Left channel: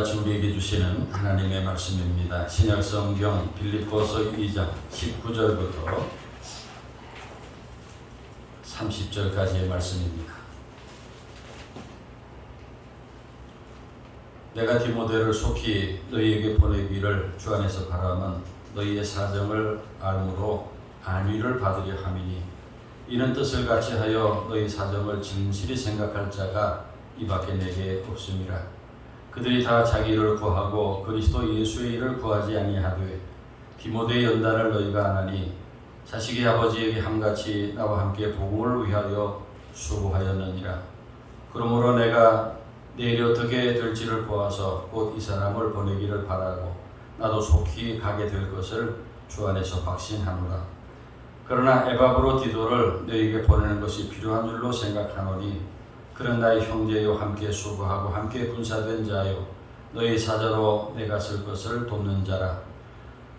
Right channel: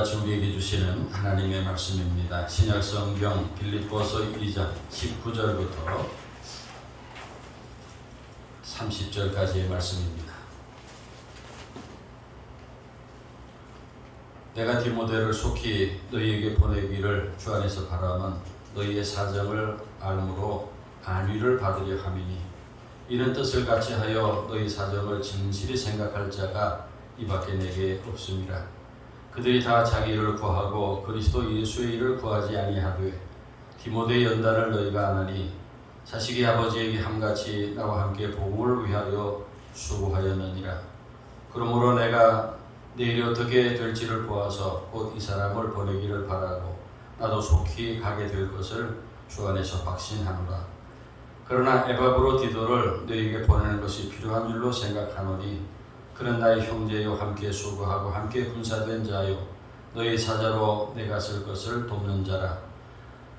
오늘같이 우리에게 주시는 하나님의 말씀입니다. 신약성경 빌립보서 2장 19절부터 30절까지의 말씀입니다. 내가 디모데를 속히 너희에게 보내기를 주 안에서 바라면 너희의 사정을 알므로 안위를 받으려 함이니 이런 뜻을 같이 하여 너희 사정을 진실히 생각할 자가 이밖에 내게 없음이라. 그들이 다 자기 일을 구하고 그리스도 예수의 일을 구하지 아니하되 디모데의 연단을 너희가 아나니 자식이 아버지에게 함같이 나와 함께 복음을 위하여 수고하였느니라. 그러므로 내가 내일이 어떻게 될지를 보아서 곧 이 사람을 보내기를 바라고 나도 속히 가게 될 것을 주 안에서 확신하노라. 그러나 에바브로 디도를 너희에게 보내는 것이 필요한 줄로 생각하노니 그는 나의 형제요 함께 수고하고 함께 군사된 자요 너희 사자로 내가 쓸 것을 돕는 자라.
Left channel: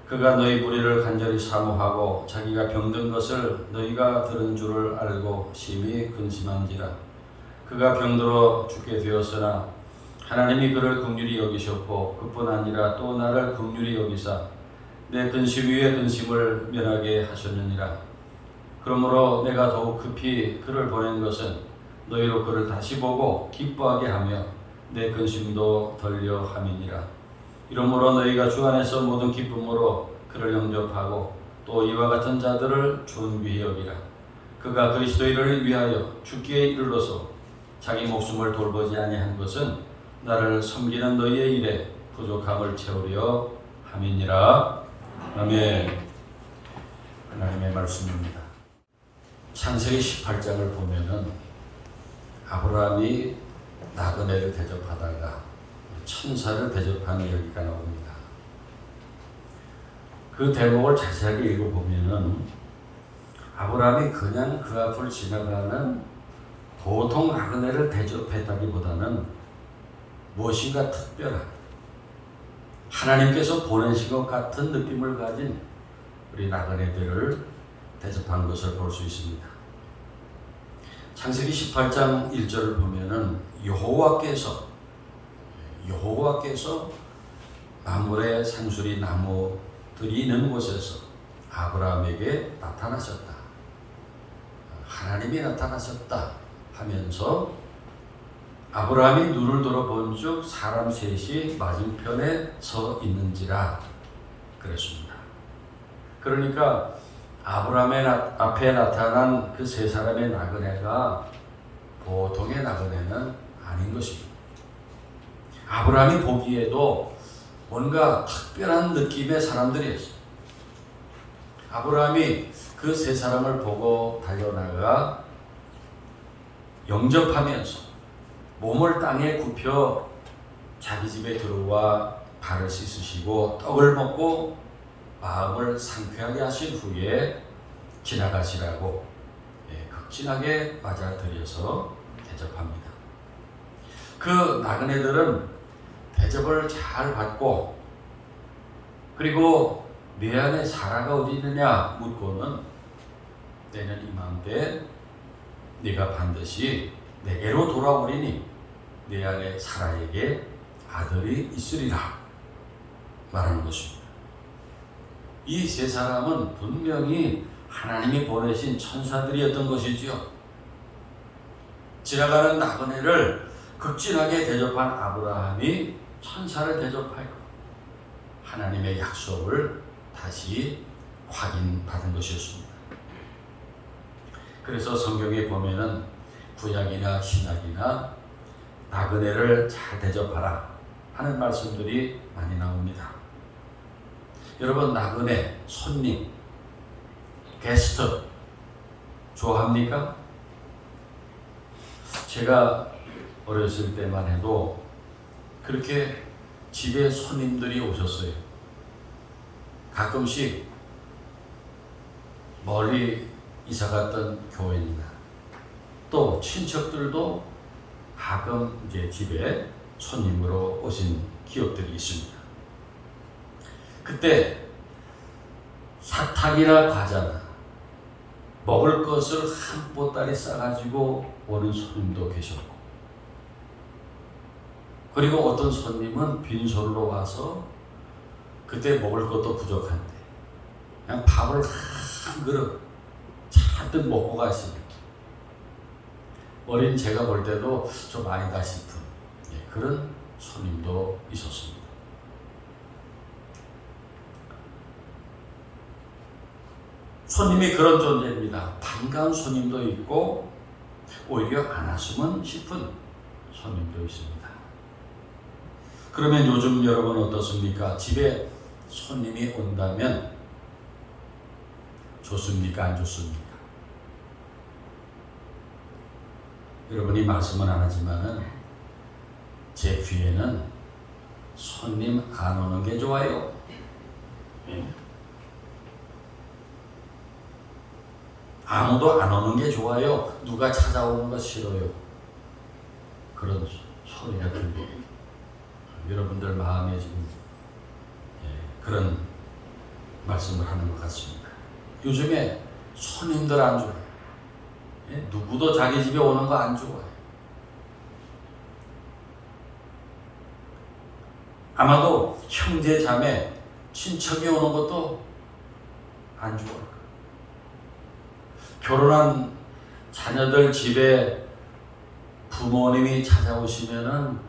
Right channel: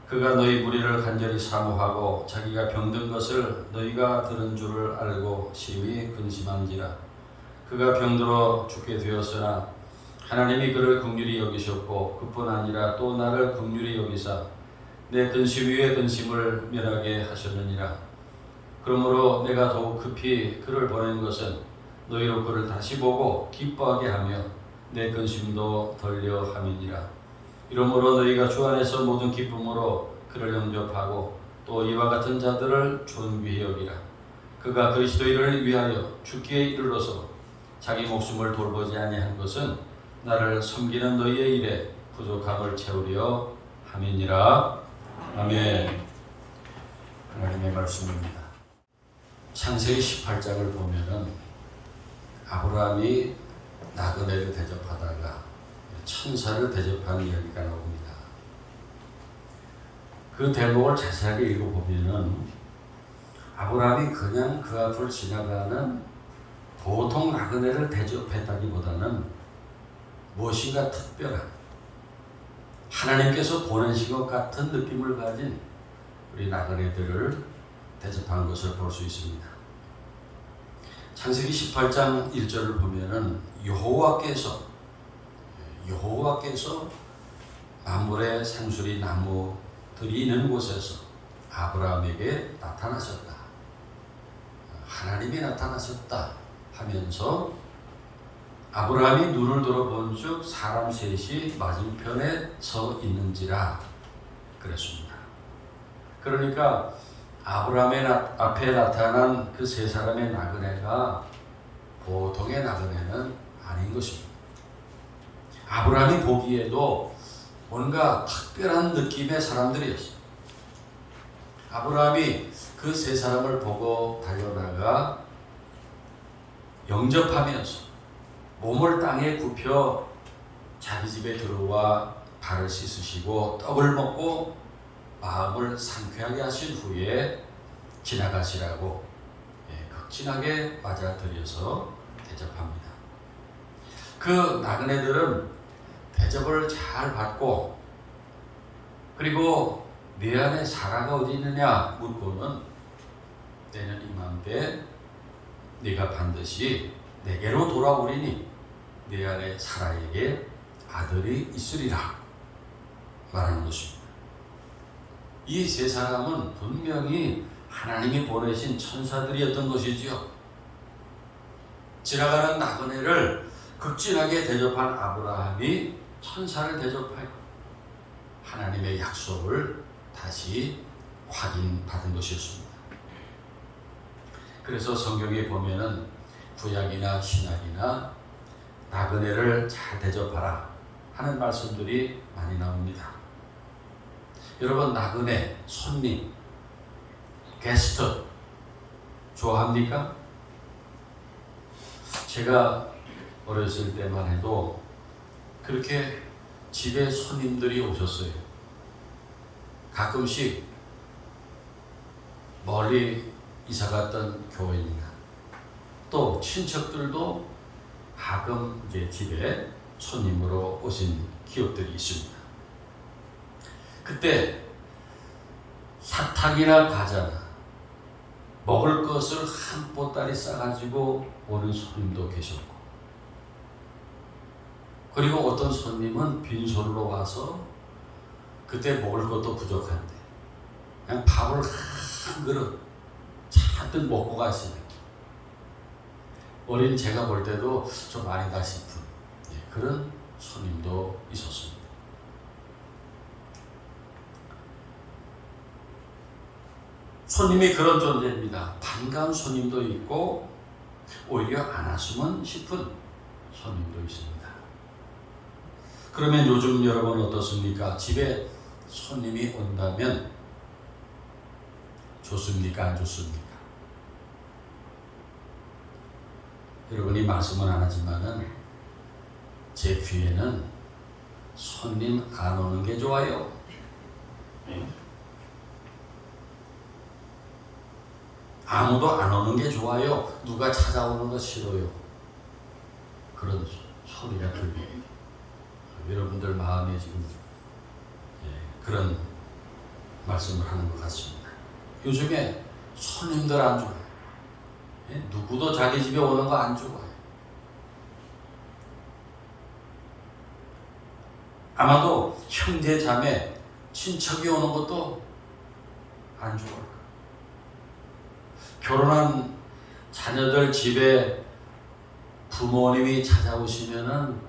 그가 너희 무리를 간절히 사모하고 자기가 병든 것을 너희가 들은 줄을 알고 심히 근심한지라. 그가 병들어 죽게 되었으나 하나님이 그를 긍휼히 여기셨고 그뿐 아니라 또 나를 긍휼히 여기사 내 근심 위에 근심을 면하게 하셨느니라. 그러므로 내가 더욱 급히 그를 보낸 것은 너희로 그를 다시 보고 기뻐하게 하며 내 근심도 덜려 함이니라. 이러므로 너희가 주 안에서 모든 기쁨으로 그를 영접하고 또 이와 같은 자들을 존귀히 여기라. 그가 그리스도의 일을 위하여 죽기에 이르러서 자기 목숨을 돌보지 아니한 것은 나를 섬기는 너희의 일에 부족함을 채우려 함이니라. 아멘. 하나님의 말씀입니다. 창세기 18장을 보면은 아브라함이 나그네를 대접하다가 천사를 대접하는 이야기가 나옵니다. 그 대목을 자세하게 읽어보면은 아브라함이 그냥 그 앞을 지나가는 보통 나그네를 대접했다기보다는 무엇인가 특별한 하나님께서 보내신 것 같은 느낌을 가진 우리 나그네들을 대접한 것을 볼 수 있습니다. 창세기 18장 1절을 보면은 여호와께서 만물의 산수리 나무들이 있는 곳에서 아브라함에게 나타나셨다. 하나님이 나타나셨다 하면서 아브라함이 눈을 들어본 즉 사람 셋이 맞은편에 서 있는지라 그랬습니다. 그러니까 아브라함의 앞에 나타난 그 세 사람의 나그네가 보통의 나그네는 아닌 것입니다. 아브라함이 보기에도 뭔가 특별한 느낌의 사람들이었어요. 아브라함이 그 세 사람을 보고 달려나가 영접하면서 몸을 땅에 굽혀 자기 집에 들어와 발을 씻으시고 떡을 먹고 마음을 상쾌하게 하신 후에 지나가시라고 극진하게 맞아들여서 대접합니다. 그 나그네들은 대접을 잘 받고 그리고 내 안에 사라가 어디 있느냐 묻고는 내년 이맘때 네가 반드시 내게로 돌아오리니 내 안에 사라에게 아들이 있으리라 말하는 것입니다. 이 세 사람은 분명히 하나님이 보내신 천사들이었던 것이지요. 지나가는 나그네를 극진하게 대접한 아브라함이 천사를 대접하여 하나님의 약속을 다시 확인받은 것이었습니다. 그래서 성경에 보면은 구약이나 신약이나 나그네를 잘 대접하라 하는 말씀들이 많이 나옵니다. 여러분 나그네, 손님, 게스트 좋아합니까? 제가 어렸을 때만 해도 그렇게 집에 손님들이 오셨어요. 가끔씩 멀리 이사갔던 교회입니다. 또 친척들도 가끔 이제 집에 손님으로 오신 기억들이 있습니다. 그때 사탕이나 과자나 먹을 것을 한 보따리 싸가지고 오는 손님도 계셨고 그리고 어떤 손님은 빈손으로 와서 그때 먹을 것도 부족한데 그냥 밥을 한 그릇 잔뜩 먹고 가시는 어린 제가 볼 때도 좀 아니다 싶은 그런 손님도 있었습니다. 손님이 그런 존재입니다. 반가운 손님도 있고 오히려 안 왔으면 싶은 손님도 있습니다. 그러면 요즘 여러분 어떻습니까? 집에 손님이 온다면 좋습니까? 안 좋습니까? 여러분이 말씀은 안 하지만은 제 귀에는 손님 안 오는 게 좋아요. 아무도 안 오는 게 좋아요. 누가 찾아오는 거 싫어요. 그런 소리가 들리고 여러분들 마음에 지금 그런 말씀을 하는 것 같습니다. 요즘에 손님들 안 좋아요. 누구도 자기 집에 오는 거 안 좋아해요. 아마도 형제 자매 친척이 오는 것도 안 좋아요. 결혼한 자녀들 집에 부모님이 찾아오시면은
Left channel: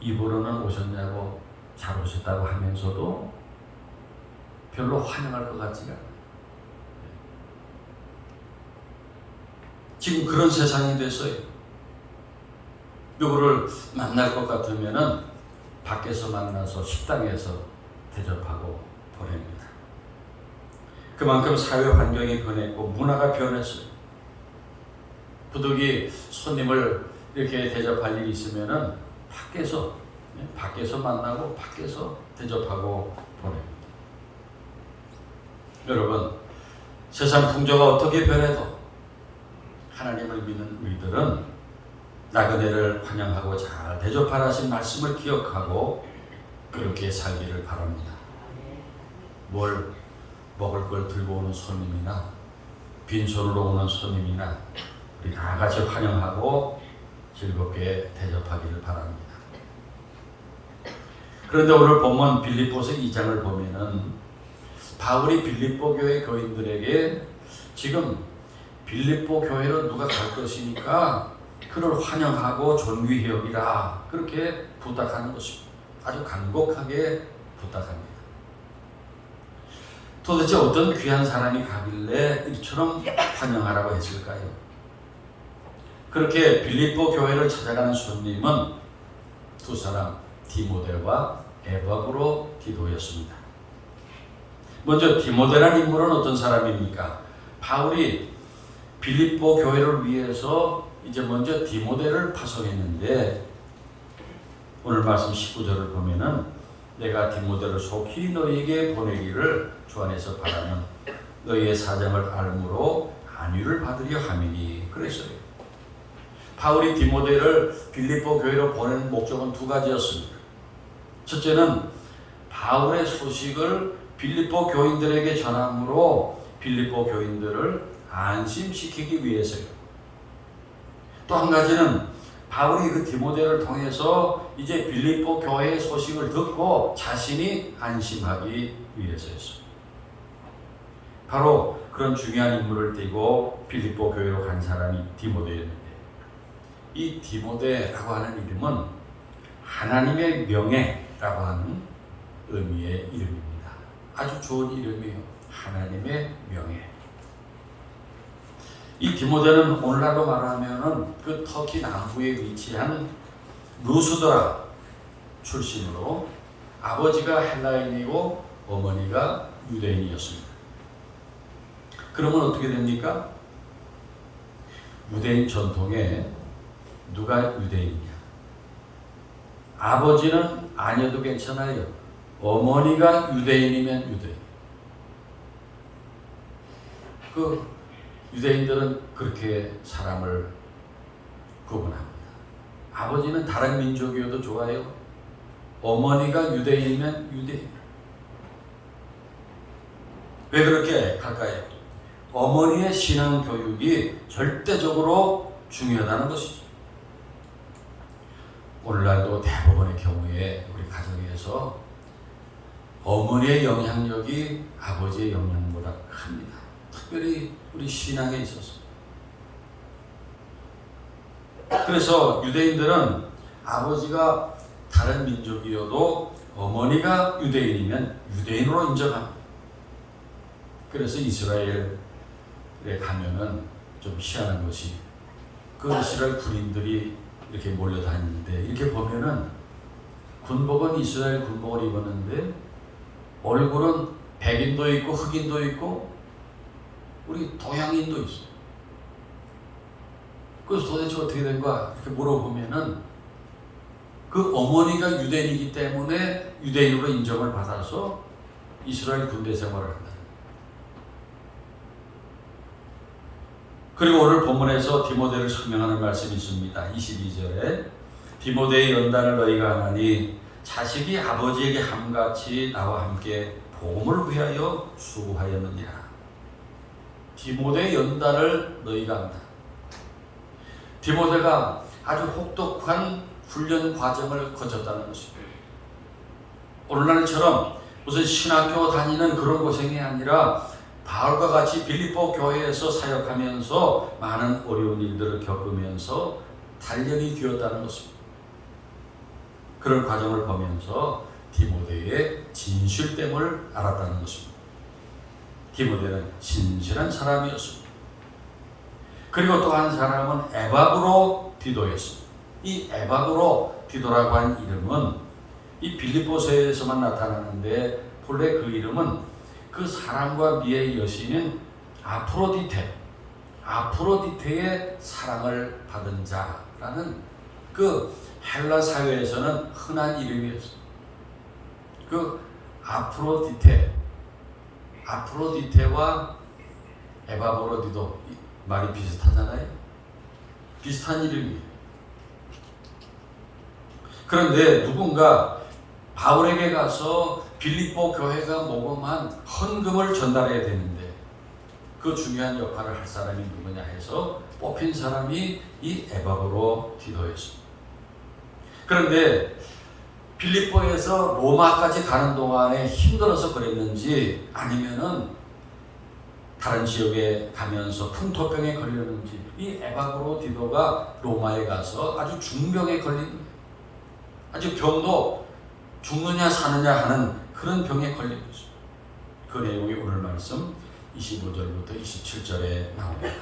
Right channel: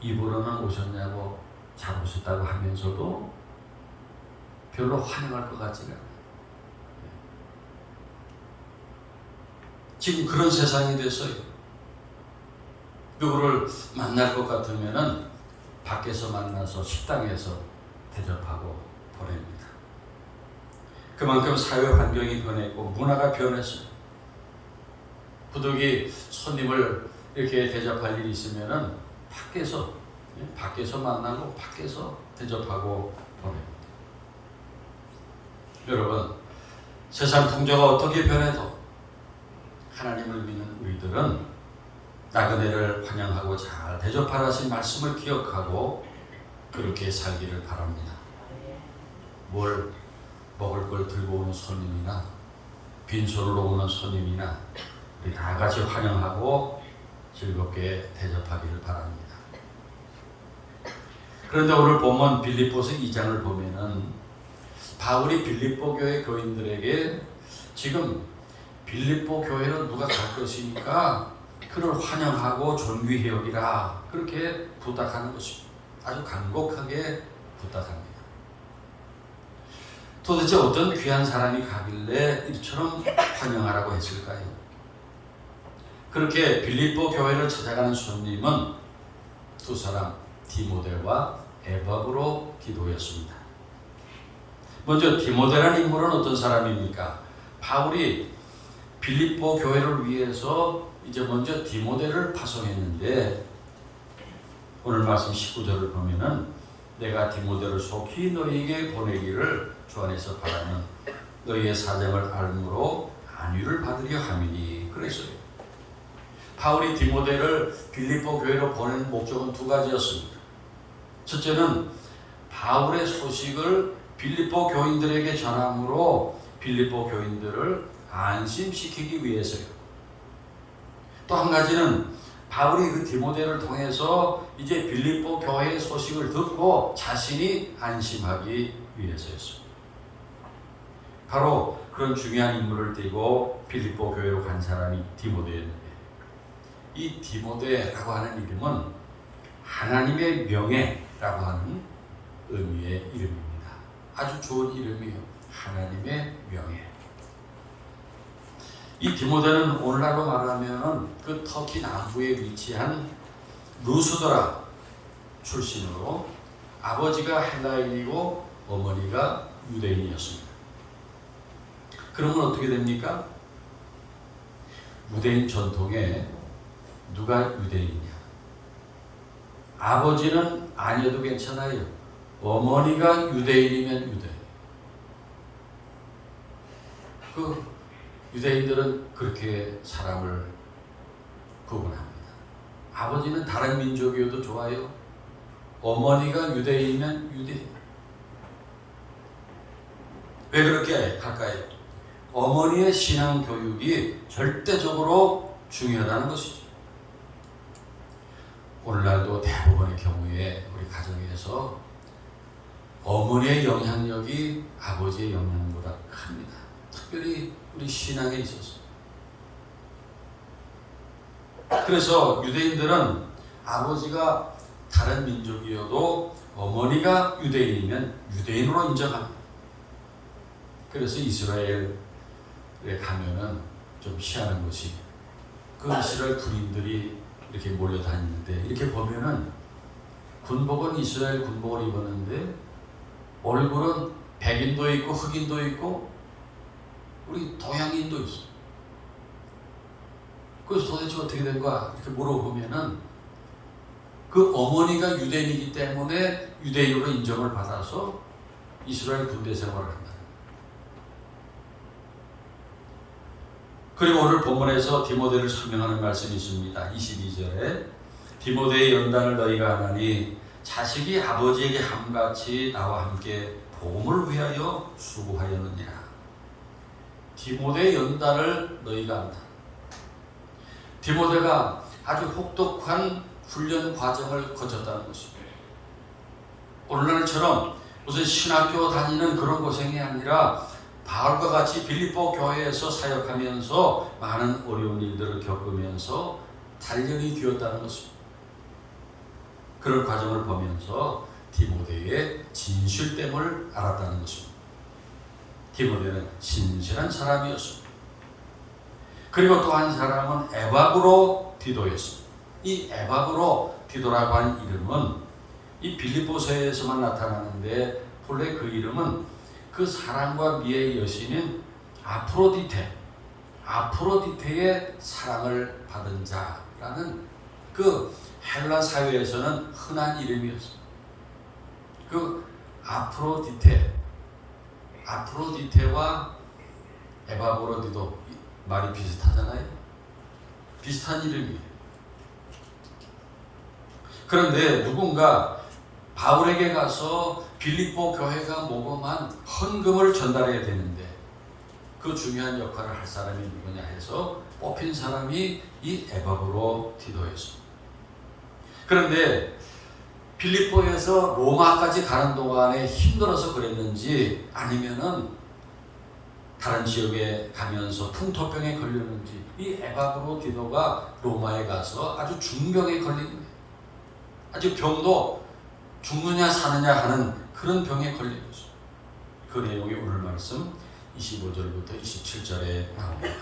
입으로는 오셨냐고 잘 오셨다고 하면서도 별로 환영할 것 같지가 않아요. 지금 그런 세상이 됐어요. 누구를 만날 것 같으면은 밖에서 만나서 식당에서 대접하고 보냅니다. 그만큼 사회 환경이 변했고 문화가 변했어요. 부득이 손님을 이렇게 대접할 일이 있으면은 밖에서 만나고 밖에서 대접하고 보냅니다. 여러분, 세상 풍조가 어떻게 변해도 하나님을 믿는 우리들은 나그네를 환영하고 잘 대접하라신 말씀을 기억하고 그렇게 살기를 바랍니다. 뭘 먹을 걸 들고 오는 손님이나 빈손으로 오는 손님이나 우리 다 같이 환영하고 즐겁게 대접하기를 바랍니다. 그런데 오늘 본문 빌립보서 2장을 보면은 바울이 빌립보 교회 교인들에게 지금 빌립보 교회로 누가 갈 것이니까 그를 환영하고 존귀히 여기라 그렇게 부탁하는 것입니다. 아주 간곡하게 부탁합니다. 도대체 어떤 귀한 사람이 가길래 이처럼 환영하라고 했을까요? 그렇게 빌립보 교회를 찾아가는 손님은 두 사람 디모데와 에바브로 기도했습니다. 먼저 디모데라는 인물은 어떤 사람입니까? 바울이 빌립보 교회를 위해서 이제 먼저 디모데를 파송했는데 오늘 말씀 19절을 보면은 내가 디모데를 속히 너희에게 보내기를 주 안에서 바라는 너희의 사정을 알므로 안위를 받으려 함이니 그랬어요. 바울이 디모데를 빌립보 교회로 보낸 목적은 두 가지였습니다. 첫째는 바울의 소식을 빌립보 교인들에게 전함으로 빌립보 교인들을 안심시키기 위해서요. 또 한 가지는 바울이 그 디모데를 통해서 이제 빌립보 교회의 소식을 듣고 자신이 안심하기 위해서였습니다. 바로 그런 중요한 인물을 띠고 빌립보 교회로 간 사람이 디모데였는데 이 디모데라고 하는 이름은 하나님의 명예라고 하는 의미의 이름입니다. 아주 좋은 이름이에요. 하나님의 명예. 이 디모데는 오늘날로 말하면 그 터키 남부에 위치한 루스드라 출신으로 아버지가 헬라인이고 어머니가 유대인이었습니다. 그러면 어떻게 됩니까? 유대인 전통에 누가 유대인이냐? 아버지는 아니어도 괜찮아요. 어머니가 유대인이면 유대인. 그 유대인들은 그렇게 사람을 구분합니다. 아버지는 다른 민족이어도 좋아요. 어머니가 유대인이면 유대인. 왜 그렇게 할까요? 어머니의 신앙 교육이 절대적으로 중요하다는 것이죠. 오늘날도 대부분의 경우에 우리 가정에서 어머니의 영향력이 아버지의 영향보다 큽니다. 특별히 우리 신앙에 있어서. 그래서 유대인들은 아버지가 다른 민족이어도 어머니가 유대인이면 유대인으로 인정합니다. 그래서 이스라엘에 가면은 좀 희한한 것이 그 이스라엘 군인들이 이렇게 몰려다니는데 이렇게 보면은 군복은 이스라엘 군복을 입었는데 얼굴은 백인도 있고 흑인도 있고 우리 동양인도 있어. 그래서 도대체 어떻게 된 거야? 이렇게 물어보면은 그 어머니가 유대인이기 때문에 유대인으로 인정을 받아서 이스라엘 군대 생활을 한다. 그리고 오늘 본문에서 디모데를 설명하는 말씀이 있습니다. 22절에 디모데의 연단을 너희가 하나니 자식이 아버지에게 함같이 나와 함께 복음을 위하여 수고하였느니라. 디모데의 연단을 너희가 한다. 디모데가 아주 혹독한 훈련 과정을 거쳤다는 것입니다. 오늘날처럼 무슨 신학교 다니는 그런 고생이 아니라 바울과 같이 빌립보 교회에서 사역하면서 많은 어려운 일들을 겪으면서 단련이 되었다는 것입니다. 그런 과정을 보면서 디모데의 진실됨을 알았다는 것입니다. 디모데는 진실한 사람이었습니다. 그리고 또 한 사람은 에바브로 디도였습니다. 이 에바브로 디도라고 하는 이름은 이 빌립보서에서만 나타나는데 본래 그 이름은 그 사랑과 미의 여신인 아프로디테의 사랑을 받은 자라는 그 헬라 사회에서는 흔한 이름이었어요. 그 아프로디테와 에바브로디도 말이 비슷하잖아요. 비슷한 이름이에요. 그런데 누군가 바울에게 가서 빌립보 교회가 모금한 헌금을 전달해야 되는데 그 중요한 역할을 할 사람이 누구냐 해서 뽑힌 사람이 이 에바브로 디도였습니다. 그런데 빌립보에서 로마까지 가는 동안에 힘들어서 그랬는지 아니면은 다른 지역에 가면서 풍토병에 걸렸는지 이 에바브로 디도가 로마에 가서 아주 중병에 걸린 거예요. 아주 병도 죽느냐 사느냐 하는 그런 병에 걸린 거죠. 그 내용이 오늘 말씀 25절부터 27절에 나옵니다.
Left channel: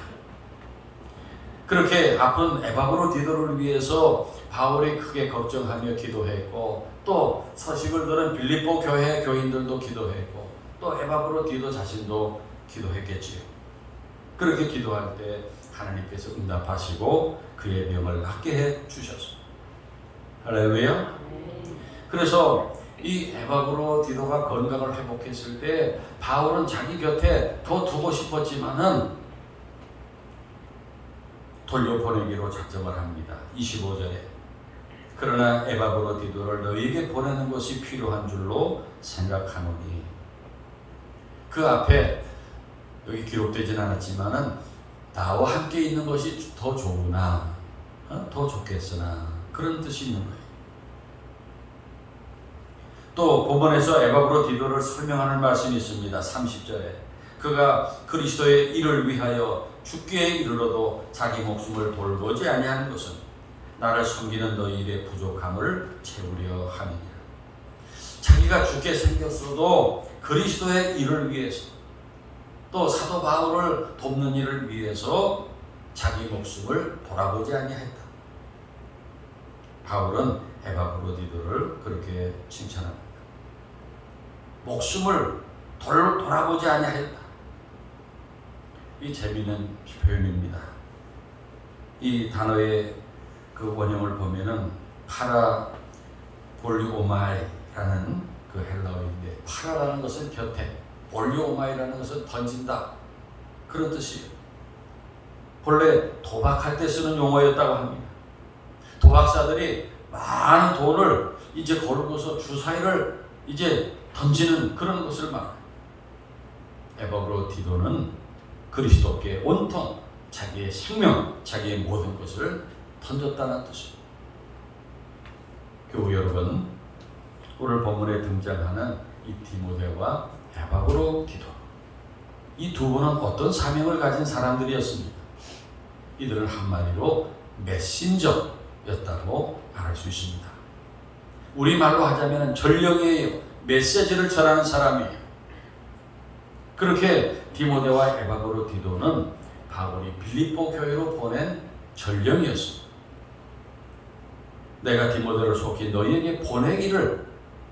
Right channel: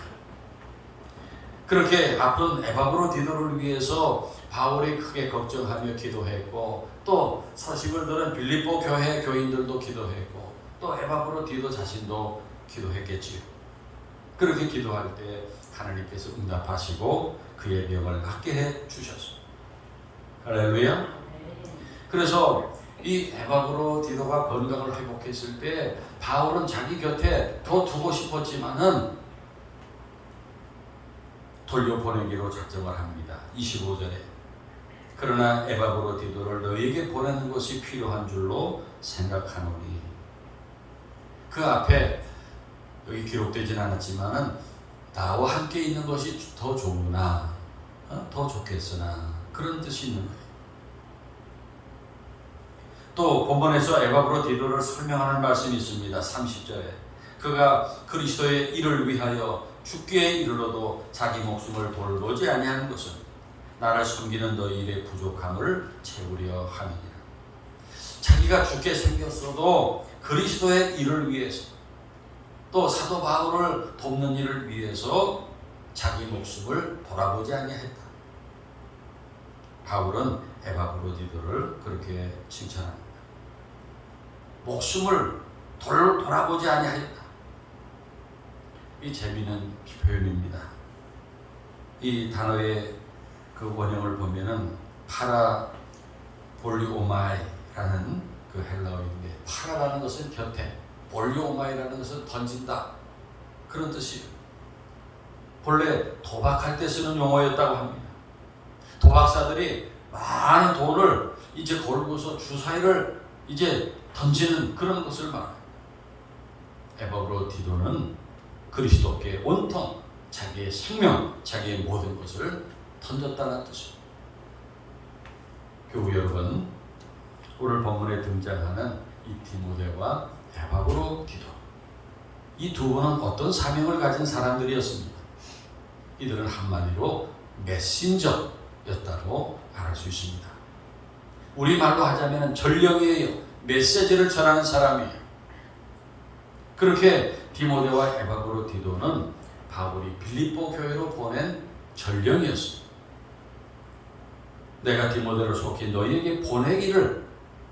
그렇게 아픈 에바브로 디도를 위해서 바울이 크게 걱정하며 기도했고 또 소식을 들은 빌립보 교회 교인들도 기도했고 또 에바브로 디도 자신도 기도했겠지요. 그렇게 기도할 때 하나님께서 응답하시고 그의 병을 낫게 해 주셨습니다. 할렐루야. 그래서 이 에바브로 디도가 건강을 회복했을 때 바울은 자기 곁에 더 두고 싶었지만은 돌려보내기로 작정을 합니다. 25절에 그러나 에바브로 디도를 너희에게 보내는 것이 필요한 줄로 생각하노니 그 앞에 여기 기록되진 않았지만은 나와 함께 있는 것이 더 좋으나 더 좋겠으나 그런 뜻이 있는 거예요. 또 본문에서 에바브로 디도를 설명하는 말씀이 있습니다. 30절에 그가 그리스도의 일을 위하여 죽기에 이르러도 자기 목숨을 돌보지 아니하는 것은 나를 섬기는 너희의 부족함을 채우려 함이니라. 자기가 죽게 생겼어도 그리스도의 일을 위해서 또 사도 바울을 돕는 일을 위해서 자기 목숨을 돌아보지 아니했다. 바울은 에바브로 디도를 그렇게 칭찬합니다. 목숨을 돌아보지 아니하였다. 이 재미있는 표현입니다. 이 단어의 그 원형을 보면은 파라볼리오마이라는 그 헬라어인데 파라라는 것은 곁에, 볼리오마이라는 것은 던진다 그런 뜻이에요. 본래 도박할 때 쓰는 용어였다고 합니다. 도박사들이 많은 돈을 이제 걸고서 주사위를 이제 던지는 그런 것을 말해요. 에바브로 디도는 그리스도께 온통 자기의 생명, 자기의 모든 것을 던졌다는 뜻입니다. 교우 여러분, 오늘 본문에 등장하는 이 디모데와 에바고로 디도, 이 두 분은 어떤 사명을 가진 사람들이었습니다. 이들은 한마디로 메신저였다고 말할 수 있습니다. 우리말로 하자면 전령이에요. 메시지를 전하는 사람이에요. 그렇게 디모데와 에바고로 디도는 바울이 빌립보 교회로 보낸 전령이었습니다. 내가 디모데를 속히 너희에게 보내기를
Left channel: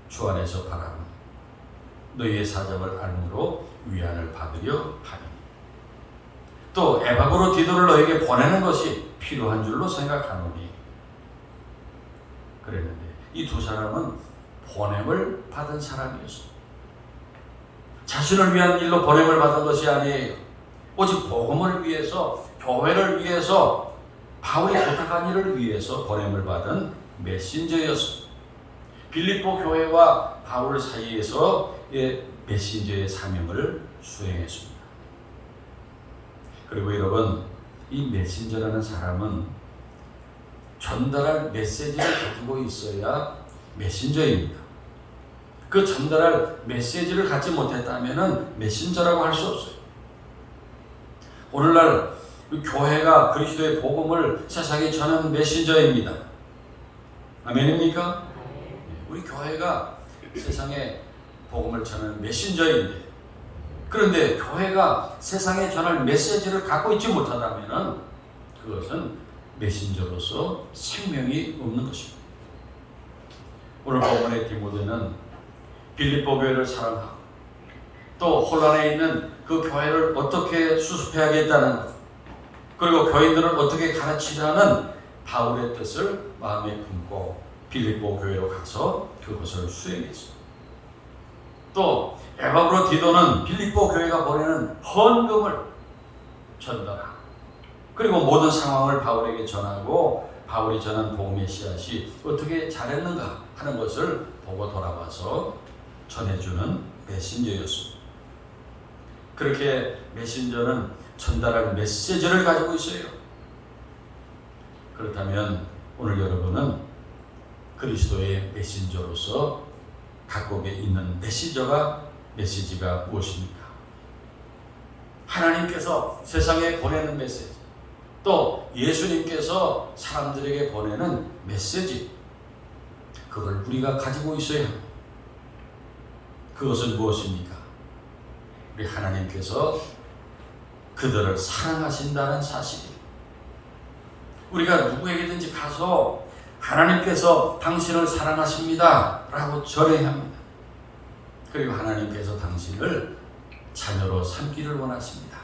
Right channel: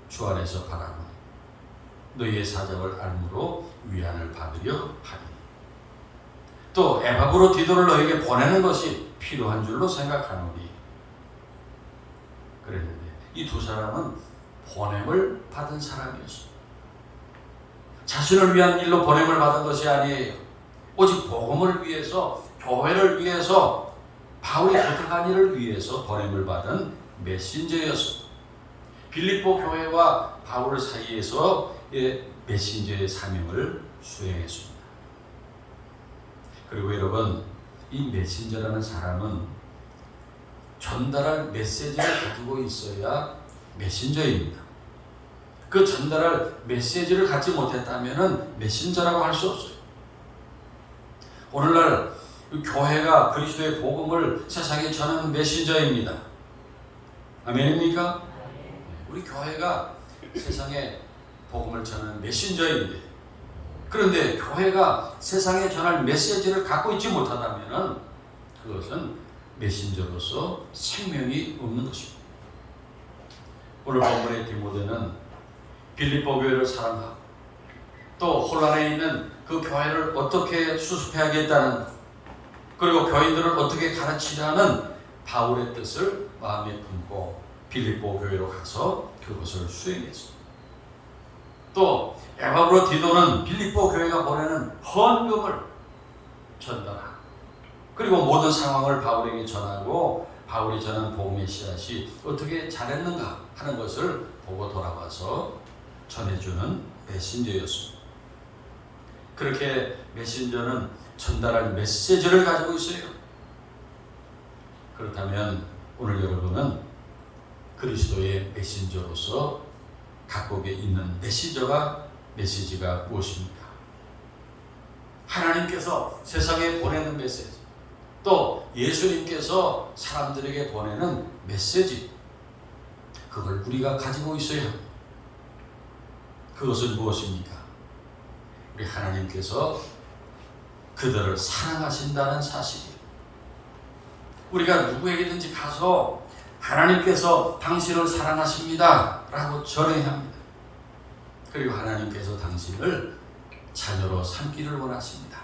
주 안에서 바라고 너희의 사정을 알므로 위안을 받으려 하니, 또 에바고로 디도를 너에게 보내는 것이 필요한 줄로 생각하노니. 그랬는데 이 두 사람은 보냄을 받은 사람이었습니다. 자신을 위한 일로 보냄을 받은 것이 아니에요. 오직 복음을 위해서, 교회를 위해서, 바울이 부탁한 일을 위해서 보냄을 받은 메신저였습니다. 빌립보 교회와 바울 사이에서 메신저의 사명을 수행했습니다. 그리고 여러분, 이 메신저라는 사람은 전달할 메시지를 가지고 있어야 메신저입니다. 그 전달할 메시지를 갖지 못했다면 메신저라고 할 수 없어요. 오늘날 교회가 그리스도의 복음을 세상에 전하는 메신저입니다. 아멘입니까? 우리 교회가 세상에 복음을 전하는 메신저인데, 그런데 교회가 세상에 전할 메시지를 갖고 있지 못하다면 그것은 메신저로서 생명이 없는 것입니다. 오늘 본문의 디모데는 빌립보 교회를 사랑하고 또 혼란에 있는 그 교회를 어떻게 수습해야겠다는, 그리고 교인들을 어떻게 가르치자는 바울의 뜻을 마음에 품고 빌립보 교회로 가서 그것을 수행했습니다. 또 에바고로 디도는 빌립보 교회가 보내는 헌금을 전달하고, 그리고 모든 상황을 바울에게 전하고 바울이 전한 복음의 씨앗이 어떻게 자랐는가 하는 것을 보고 돌아와서 전해주는 메신저였습니다. 그렇게 메신저는 전달할 메시지를 가지고 있어요. 그렇다면 오늘 여러분은 그리스도의 메신저로서 갖고 있는 메시지가 무엇입니까? 하나님께서 세상에 보내는 메시지, 또 예수님께서 사람들에게 보내는 메시지, 그걸 우리가 가지고 있어야 합니다. 그것은 무엇입니까? 우리 하나님께서 그들을 사랑하신다는 사실이에요. 우리가 누구에게든지 가서 하나님께서 당신을 사랑하십니다 라고 전해야 합니다. 그리고 하나님께서 당신을 자녀로 삼기를 원하십니다.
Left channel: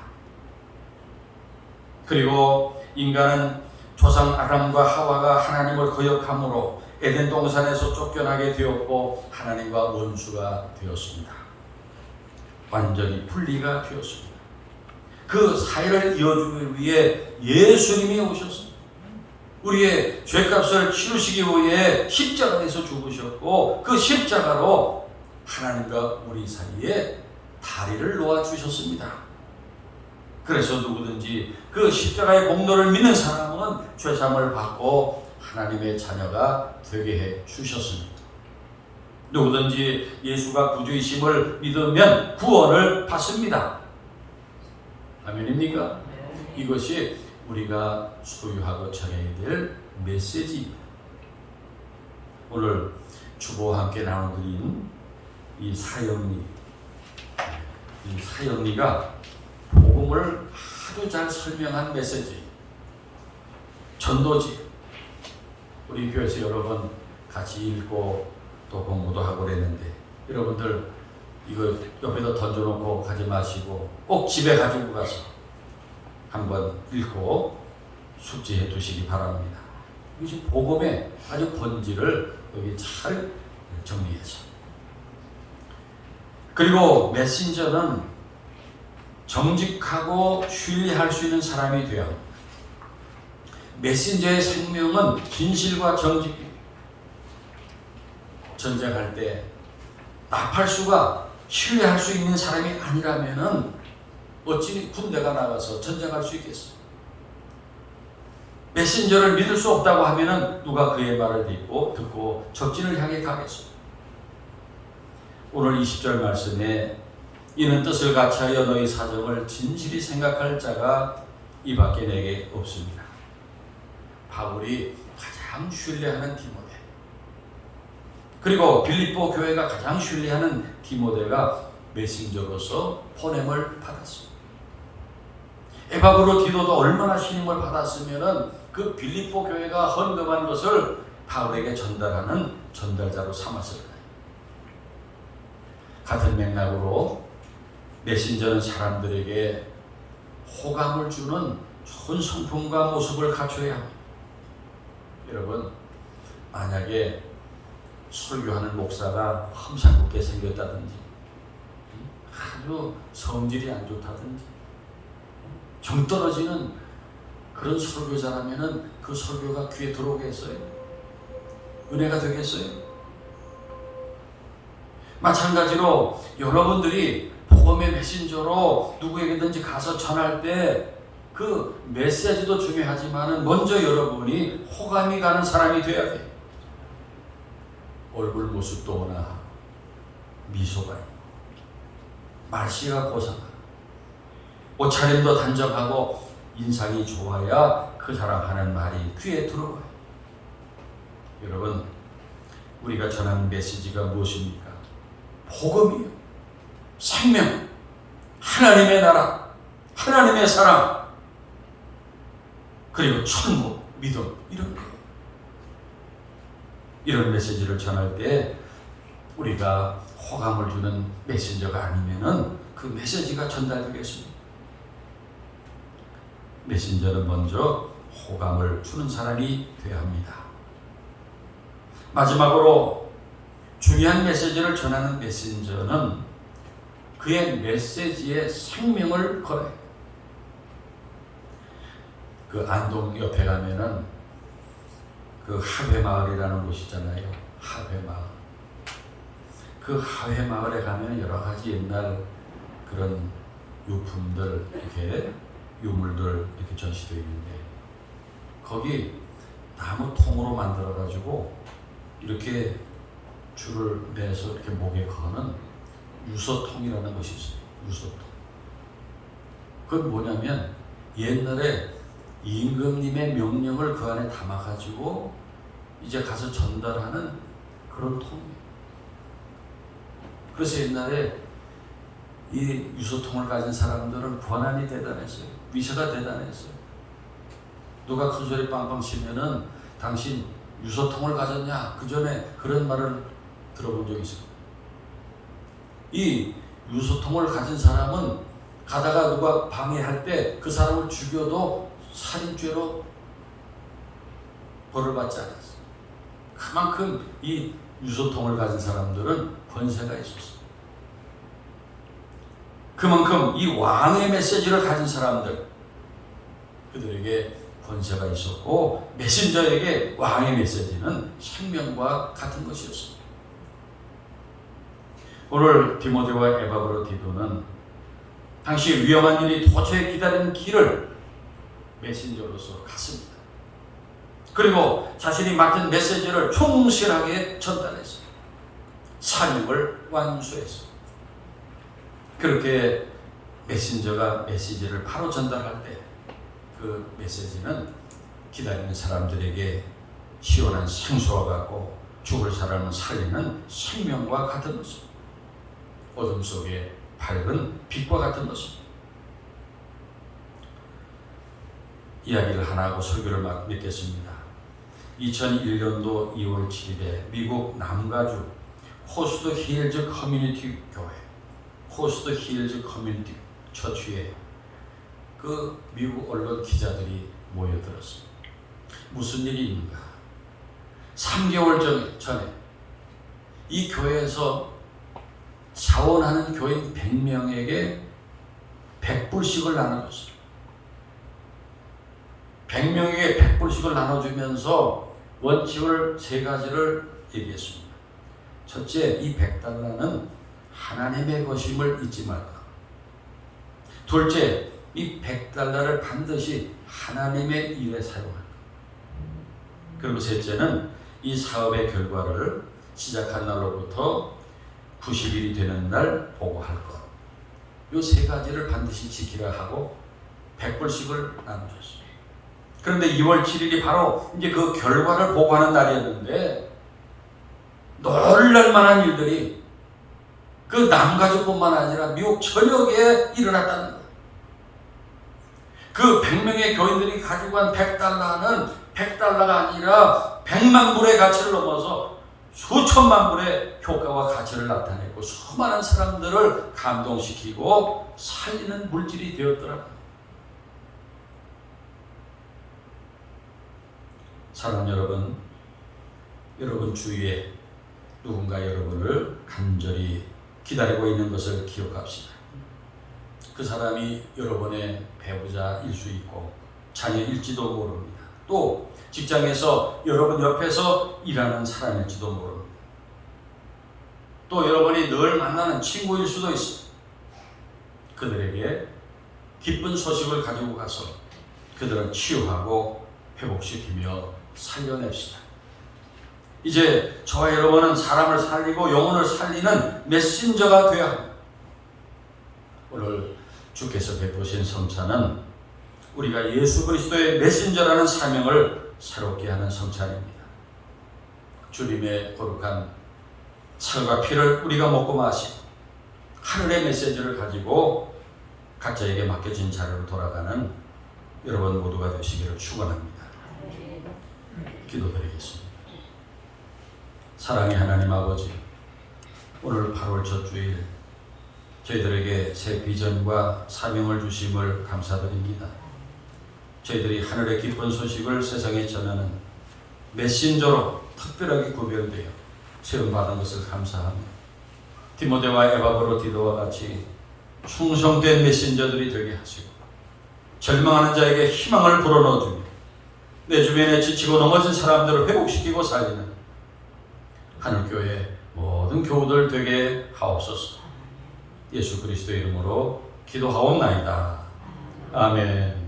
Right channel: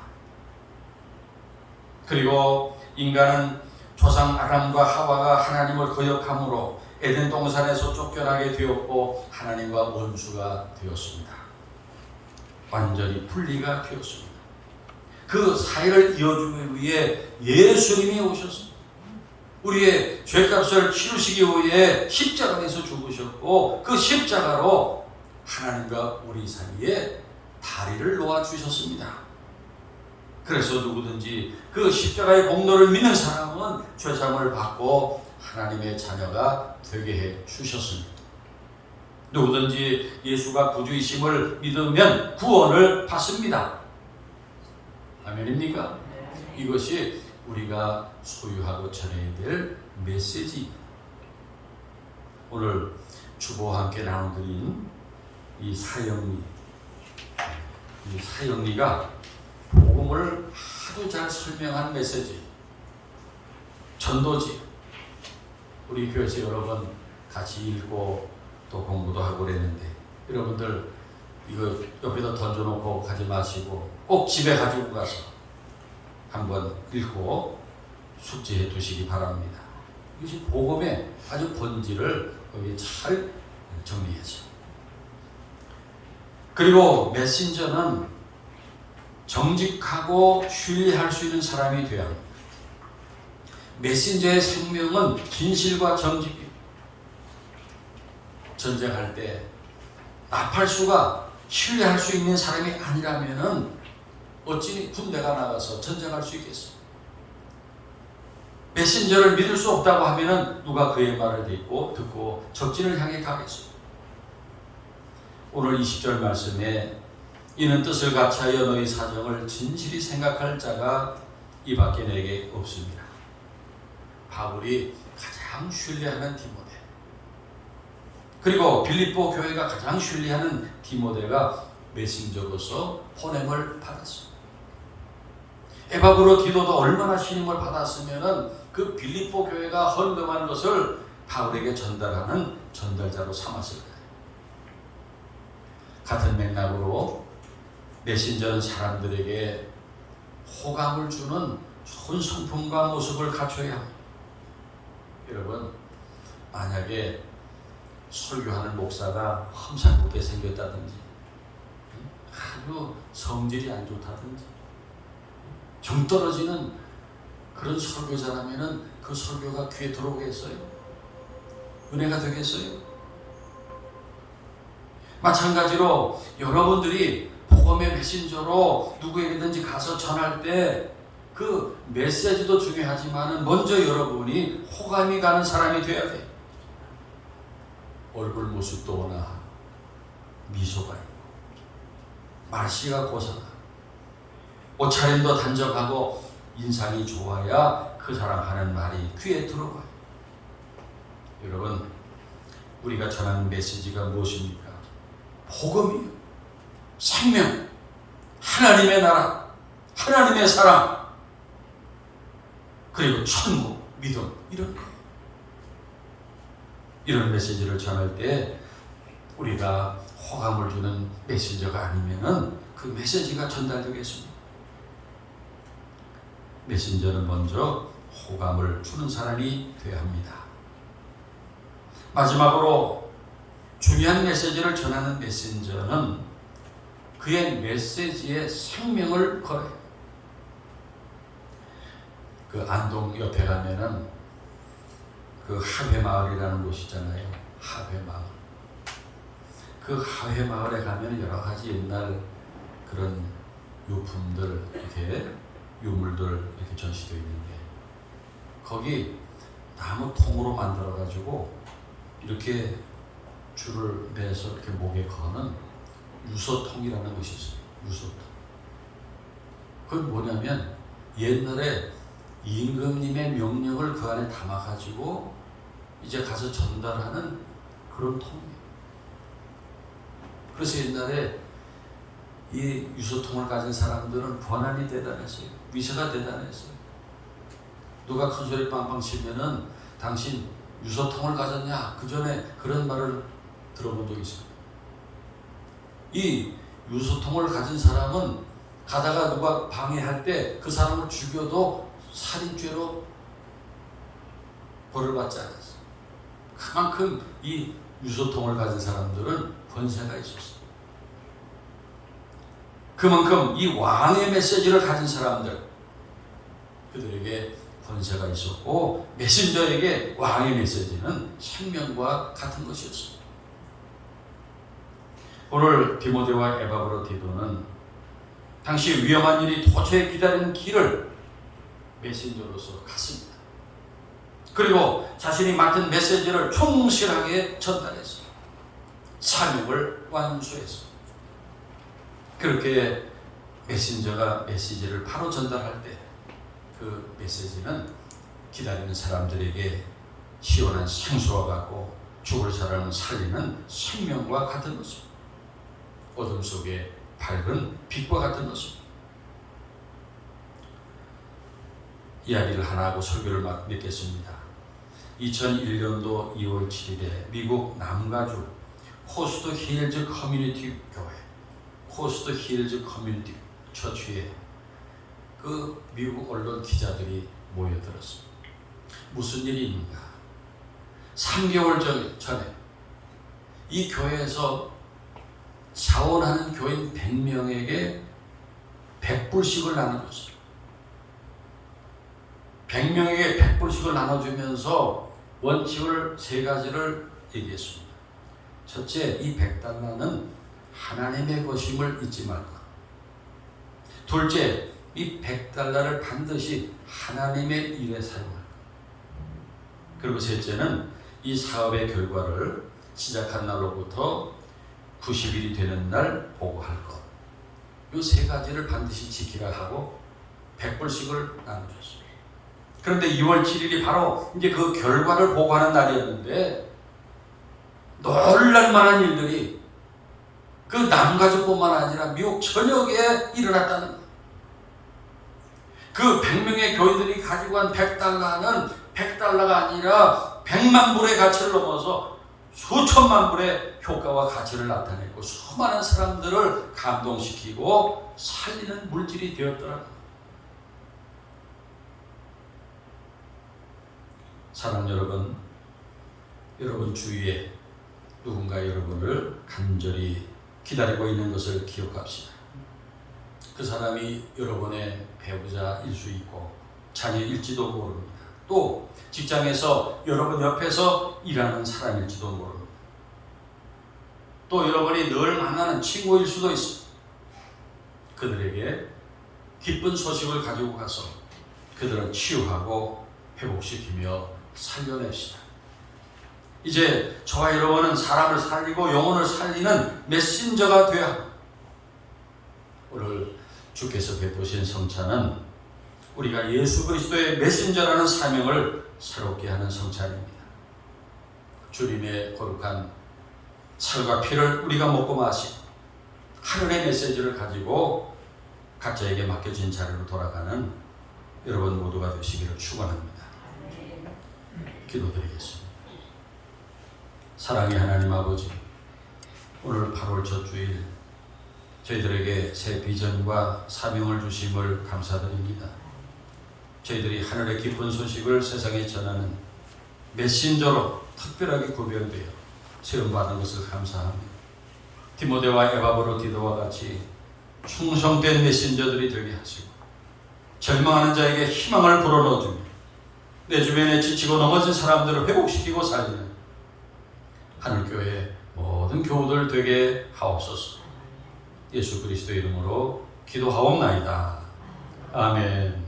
그리고 인간은 조상 아담과 하와가 하나님을 거역함으로 에덴 동산에서 쫓겨나게 되었고 하나님과 원수가 되었습니다. 완전히 분리가 되었습니다. 그 사이를 이어주기 위해 예수님이 오셨습니다. 우리의 죄값을 치르시기 위해 십자가에서 죽으셨고, 그 십자가로 하나님과 우리 사이에 다리를 놓아주셨습니다. 그래서 누구든지 그 십자가의 공로를 믿는 사람은 죄사함을 받고 하나님의 자녀가 되게 해 주셨습니다. 누구든지 예수가 구주이심을 믿으면 구원을 받습니다. 아멘입니까? 이것이 우리가 소유하고 전해야 될 메시지입니다. 오늘 주보와 함께 나눠드린 이 사형리가 복음을 아주 잘 설명한 메시지, 전도지. 우리 교회에서 여러 번 같이 읽고 또 공부도 하고 그랬는데, 여러분들 이거 옆에다 던져놓고 가지 마시고 꼭 집에 가지고 가서 한번 읽고 숙지해 두시기 바랍니다. 이것이 복음의 아주 본질을 여기 잘 정리해서. 그리고 메신저는 정직하고 신뢰할 수 있는 사람이 되어야 합니다. 메신저의 생명은 진실과 정직입니다. 전쟁할 때 나팔수가 신뢰할 수 있는 사람이 아니라면 어찌 군대가 나가서 전쟁할 수 있겠어? 메신저를 믿을 수 없다고 하면은 누가 그의 말을 듣고 적진을 향해 가겠어요. 오늘 20절 말씀에 이는 뜻을 같이하여 너희 사정을 진실히 생각할 자가 이 밖에 내게 없습니다. 바울이 가장 신뢰하는 디모데, 그리고 빌립보 교회가 가장 신뢰하는 디모데가 메신저로서 보냄을 받았습니다. 에바브로 디도도 얼마나 신임을 받았으면 그 빌립보 교회가 헌금한 것을 바울에게 전달하는 전달자로 삼았을까요? 같은 맥락으로 메신저는 사람들에게 호감을 주는 좋은 성품과 모습을 갖춰야 합니다. 여러분, 만약에 설교하는 목사가 험상궂게 생겼다든지 아주 성질이 안 좋다든지 정 떨어지는 그런 설교자라면은 그 설교가 귀에 들어오겠어요? 은혜가 되겠어요? 마찬가지로 여러분들이 복음의 메신저로 누구에게든지 가서 전할 때 그 메시지도 중요하지만 먼저 여러분이 호감이 가는 사람이 돼야 돼요. 얼굴 모습도 워낙 미소가 있고 말씨가 고상하고 옷차림도 단정하고 인상이 좋아야 그 사람 하는 말이 귀에 들어가요. 여러분, 우리가 전하는 메시지가 무엇입니까? 복음이요, 생명, 하나님의 나라, 하나님의 사랑, 그리고 천국, 믿음, 이런 거예요. 이런 메시지를 전할 때 우리가 호감을 주는 메신저가 아니면은 그 메시지가 전달되겠습니다. 메신저는 먼저 호감을 주는 사람이 되어야 합니다. 마지막으로 중요한 메시지를 전하는 메신저는 그의 메시지에 생명을 걸어요. 그 안동 옆에 가면은 그 하회마을이라는 곳이 있잖아요. 하회마을. 그 하회마을에 가면 여러 가지 옛날 그런 유품들, 이렇게 유물들 이렇게 전시되어 있는데, 거기 나무 통으로 만들어가지고 이렇게 줄을 매서 이렇게 목에 거는 유서통이라는 것이 있어요. 유서통. 그건 뭐냐면 옛날에 임금님의 명령을 그 안에 담아가지고 이제 가서 전달하는 그런 통이에요. 그래서 옛날에 이 유서통을 가진 사람들은 권한이 대단했어요. 위세가 대단했어요. 누가 큰 소리 빵빵 치면은 당신 유서통을 가졌냐? 그 전에 그런 말을 들어본 적이 있어요. 이 유서통을 가진 사람은 가다가 누가 방해할 때 그 사람을 죽여도 살인죄로 벌을 받지 않았어요. 그만큼 이 유서통을 가진 사람들은 권세가 있었어요. 그만큼 이 왕의 메시지를 가진 사람들, 그들에게 권세가 있었고 메신저에게 왕의 메시지는 생명과 같은 것이었습니다. 오늘 디모데와 에바브로 디도는 당시 위험한 일이 도처에 기다리는 길을 메신저로서 갔습니다. 그리고 자신이 맡은 메시지를 충실하게 전달했어요. 사명을 완수했어요. 그렇게 메신저가 메시지를 바로 전달할 때 그 메시지는 기다리는 사람들에게 시원한 생수와 같고 죽을 사람을 살리는 생명과 같은 것입니다. 어둠 속에 밝은 빛과 같은 것입니다. 이야기를 하나 하고 설교를 맺겠습니다. 2001년도 2월 7일에 미국 남가주 호스트 힐즈 커뮤니티 교회, 호스트 힐즈 커뮤니티 처치에 그 미국 언론 기자들이 모여들었습니다. 무슨 일이 있는가? 3개월 전에 이 교회에서 자원하는 교인 100명에게 100불씩을 나눠줬어요. 100명에게 100불씩을 나눠주면서 원칙을 3가지를 얘기했습니다. 첫째, 이 100달러는 하나님의 것임을 잊지 말라. 둘째, 이 100달러를 반드시 하나님의 일에 사용할까. 그리고 셋째는 이 사업의 결과를 시작한 날로부터 90일이 되는 날 보고할 것. 이 세 가지를 반드시 지키라 하고 100불씩을 나눠줬어요. 그런데 2월 7일이 바로 이제 그 결과를 보고하는 날이었는데 놀랄 만한 일들이 그 남가족뿐만 아니라 미국 전역에 일어났다는 거예요. 그 100명의 교인들이 가지고 간 100달러는 100달러가 아니라 100만 불의 가치를 넘어서 수천만 불의 효과와 가치를 나타냈고 수많은 사람들을 감동시키고 살리는 물질이 되었더라. 사랑하는 여러분, 여러분 주위에 누군가 여러분을 간절히 기다리고 있는 것을 기억합시다. 그 사람이 여러분의 배우자일 수 있고 자녀일지도 모릅니다. 또 직장에서 여러분 옆에서 일하는 사람일지도 모릅니다. 또 여러분이 늘 만나는 친구일 수도 있습니다. 그들에게 기쁜 소식을 가지고 가서 그들을 치유하고 회복시키며 살려냅시다. 이제 저와 여러분은 사람을 살리고 영혼을 살리는 메신저가 되어야 합니다. 오늘 주께서 베푸신 성찬은 우리가 예수 그리스도의 메신저라는 사명을 새롭게 하는 성찬입니다. 주님의 거룩한 살과 피를 우리가 먹고 마시고 하늘의 메시지를 가지고 각자에게 맡겨진 자리로 돌아가는 여러분 모두가 되시기를 축원합니다. 기도드리겠습니다. 사랑의 하나님 아버지, 오늘 8월 첫 주일 저희들에게 새 비전과 사명을 주심을 감사드립니다. 저희들이 하늘의 기쁜 소식을 세상에 전하는 메신저로 특별하게 구별되어 세움받은 것을 감사합니다. 디모데와 에바브로디도와 같이 충성된 메신저들이 되게 하시고 절망하는 자에게 희망을 불어넣어주며 내 주변에 지치고 넘어진 사람들을 회복시키고 살리는 하늘교회 모든 교우들 되게 하옵소서. 예수 그리스도의 이름으로 기도하옵나이다. 아멘.